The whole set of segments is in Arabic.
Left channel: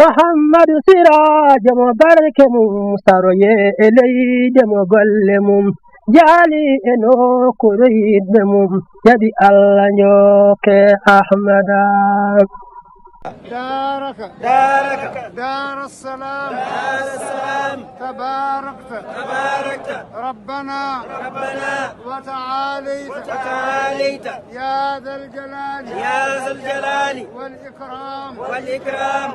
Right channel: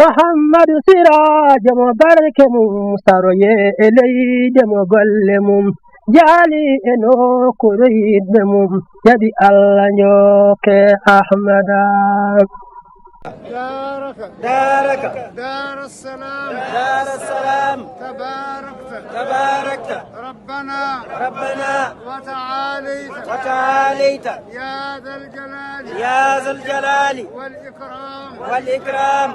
محمد سراج مبارك مستروي إلي دم قلمم جالي إنو كريد مم يدي الله نيوك أحمدا دارك دار السلام تباركت ربنا وتعاليت يا ذا الجلال والإكرام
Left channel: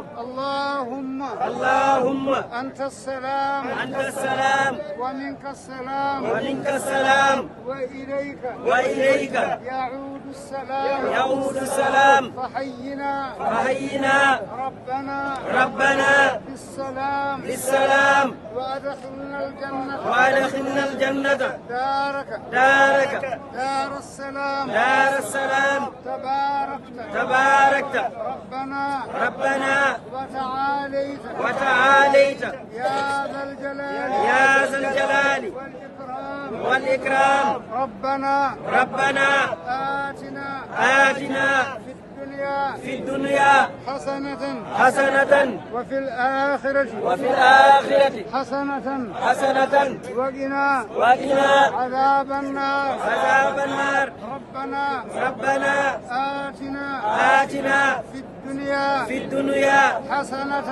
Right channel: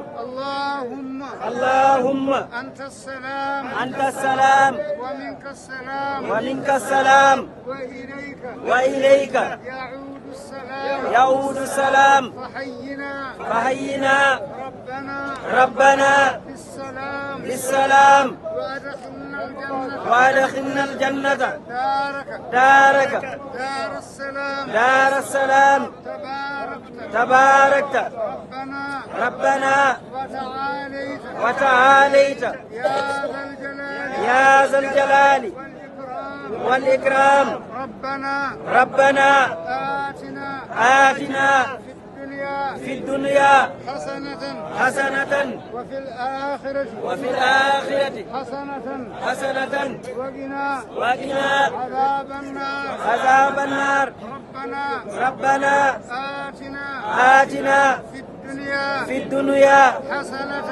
اللهم أنت السلام ومنك السلام وإليك يعود السلام فحينا ربنا بالسلام وأدخلنا الجنة دار السلام تباركت ربنا وتعاليت يا ذا الجلال والإكرام ربنا آتنا في الدنيا حسنة وفي الآخرة حسنة وقنا عذاب النار ربنا آتنا في الدنيا حسنة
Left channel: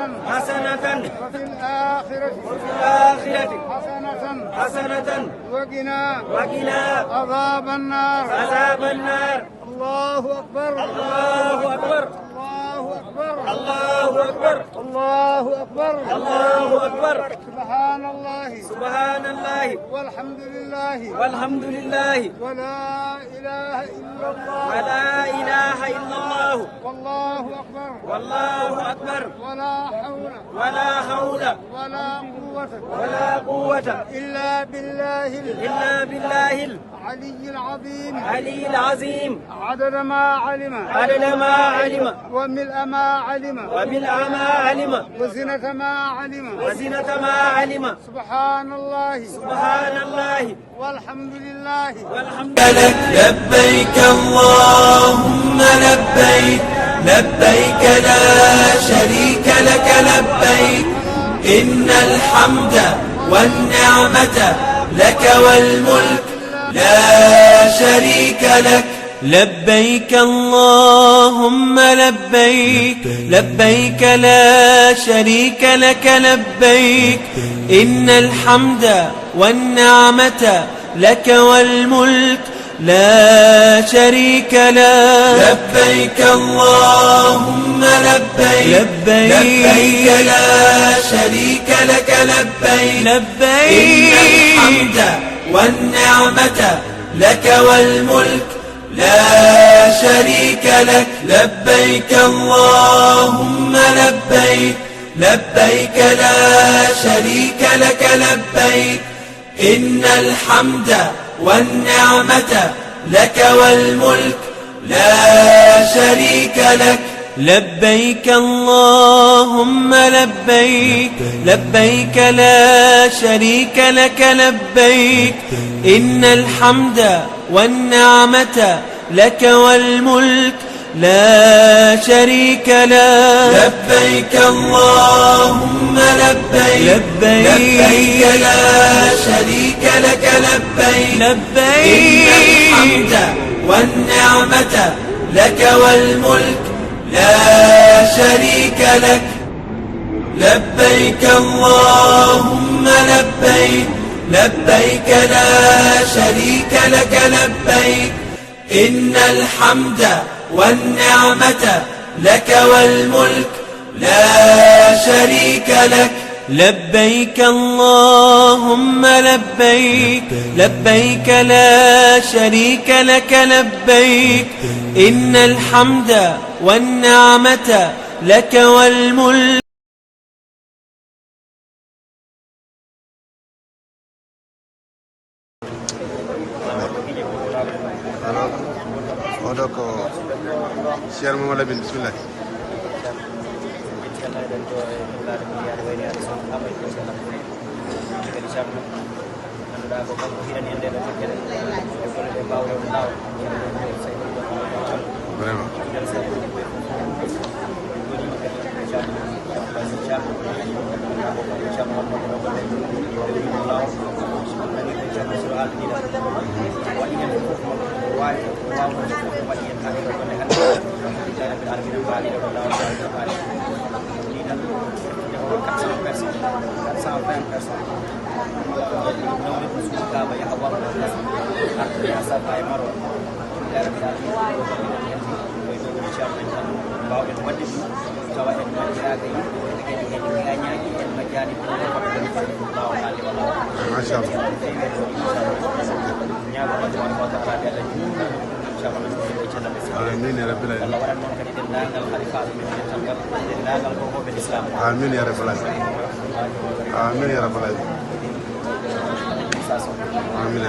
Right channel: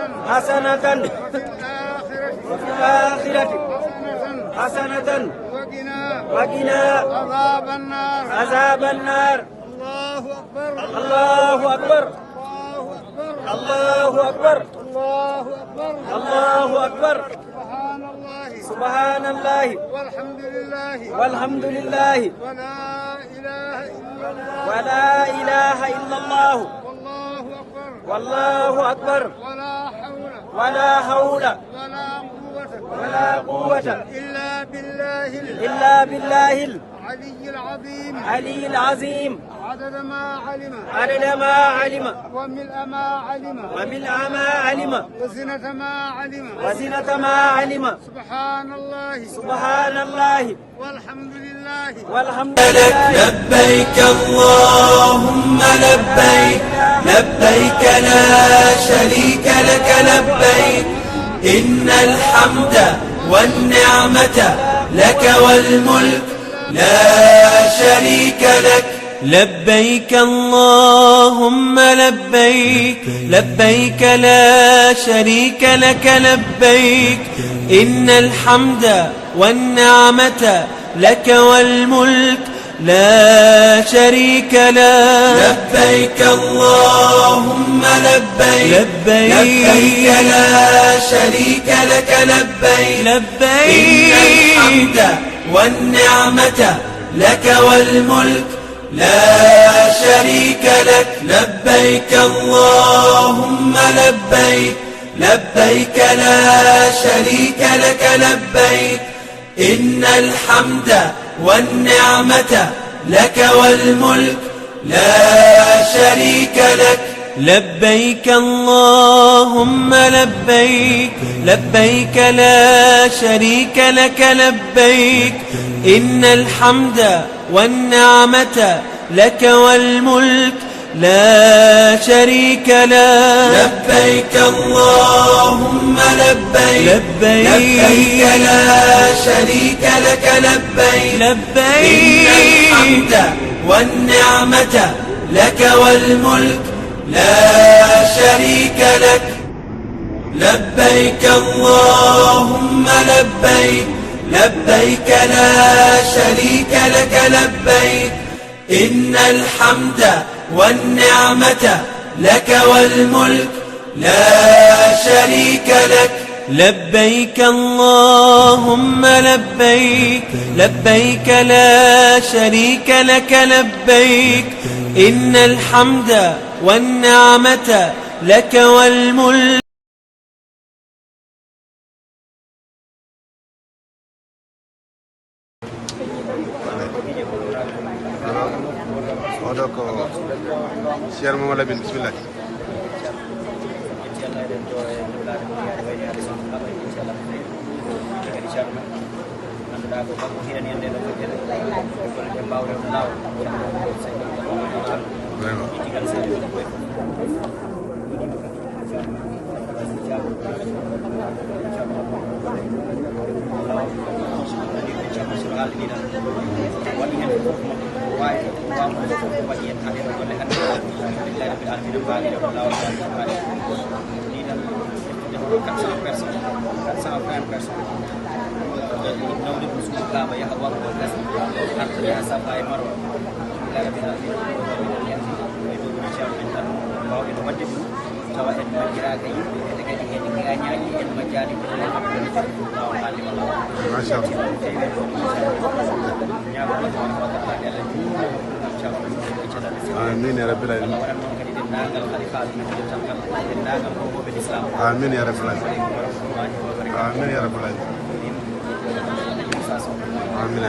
وفي الآخرة حسنة وقنا عذاب النار الله أكبر سبحان الله والحمد لله ولا إله إلا الله والله أكبر ولا حول ولا قوة إلا بالله العلي العظيم عدد ما علم وملء ما علم وزنة ما علم سبحان الله والحمد لله لك لبيك اللهم لبيك لا شريك لك لبيك إن الحمد والنعمة لك والملك لا شريك لك لبيك اللهم لبيك لا شريك لك لبيك إن الحمد والنعمة لك والملك لا شريك لك لبيك اللهم لبيك لا شريك لك لبيك والنعمة لك والملك لا شريك لك لبيك اللهم لبيك لا شريك لك لبيك إن الحمد والنعمة لك والملك لا شريك لك لبيك اللهم لبيك لا شريك لك لبيك إن الحمد والنعمة لك والملك لا شريك لك لبيك اللهم لبيك لا شريك لك لبيك والنعمة لك والملك لا شريك لك لبيك اللهم لبيك لا شريك لك لبيك إن الحمد والنعمة لك والملك لا شريك لك لبيك اللهم لبيك لا شريك لك لبيك إن الحمد والنعمة لك والملك Odoko Cheikh Mamadou Lamine bismillah vraiment alɗiɗa waɗi hen fof wawi waɗi hen haɗe ɗo golle hande alhamdulillah rabbil alamin mbaɗiɗo ko lawol wawi mbaɗi ɗiɗan defono 400 personnes 420 personnes nawde ko suudu kaaba yaha warɗo gas arde ha sabba e maro alhamdulillah rabbil alamin yanti koye ɗo inchallah en tan mbawɗen wadde ɗum tawa en majjiraga yimɓe ete kadi kadi gañaji en majjani ko kamɓe lawol haalde walla machallah آمين يا رب العالمين آمين يا رب العالمين آمين يا رب العالمين آمين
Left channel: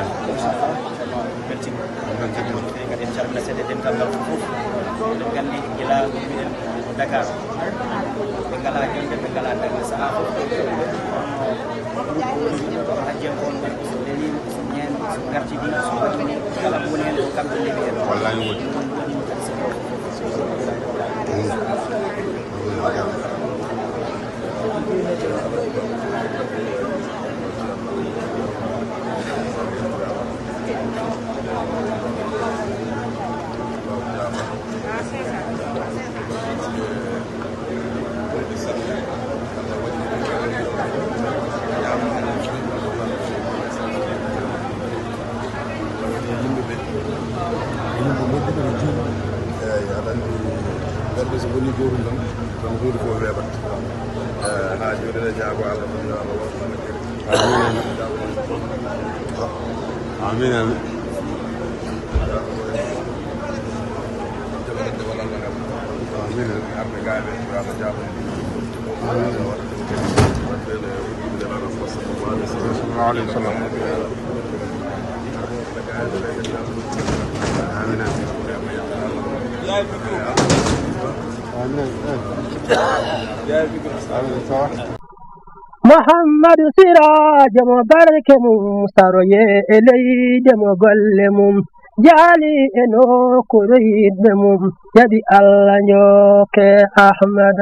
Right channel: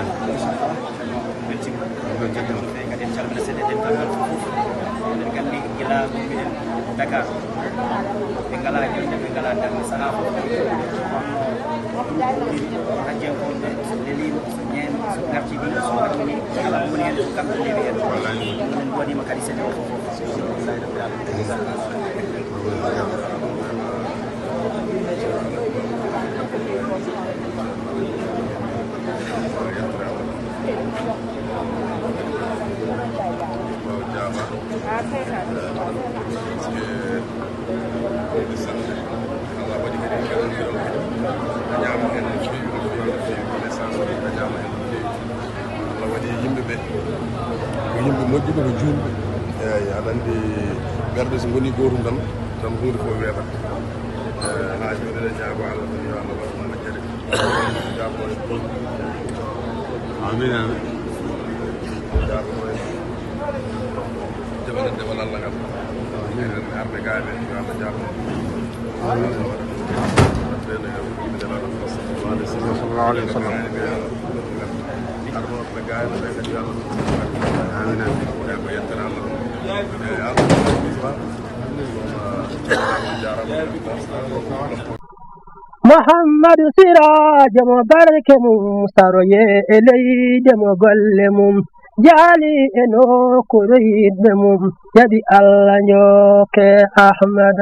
yimɓe moƴƴuɓe no juuɗe andi garde so woni gootum tan hunde fof weeɓat ha joni ñaago Allah tan yo Allah waɗ moƴƴere amin amin jaɓanede wal Allah ngal amin arde gaade yo Allah jaɓa amin sallallahu alaihi wasallam محمد سراج مبارك مستروي إلي دم قلمم جالي إنو كريد مم يدي الله نيوك أحمد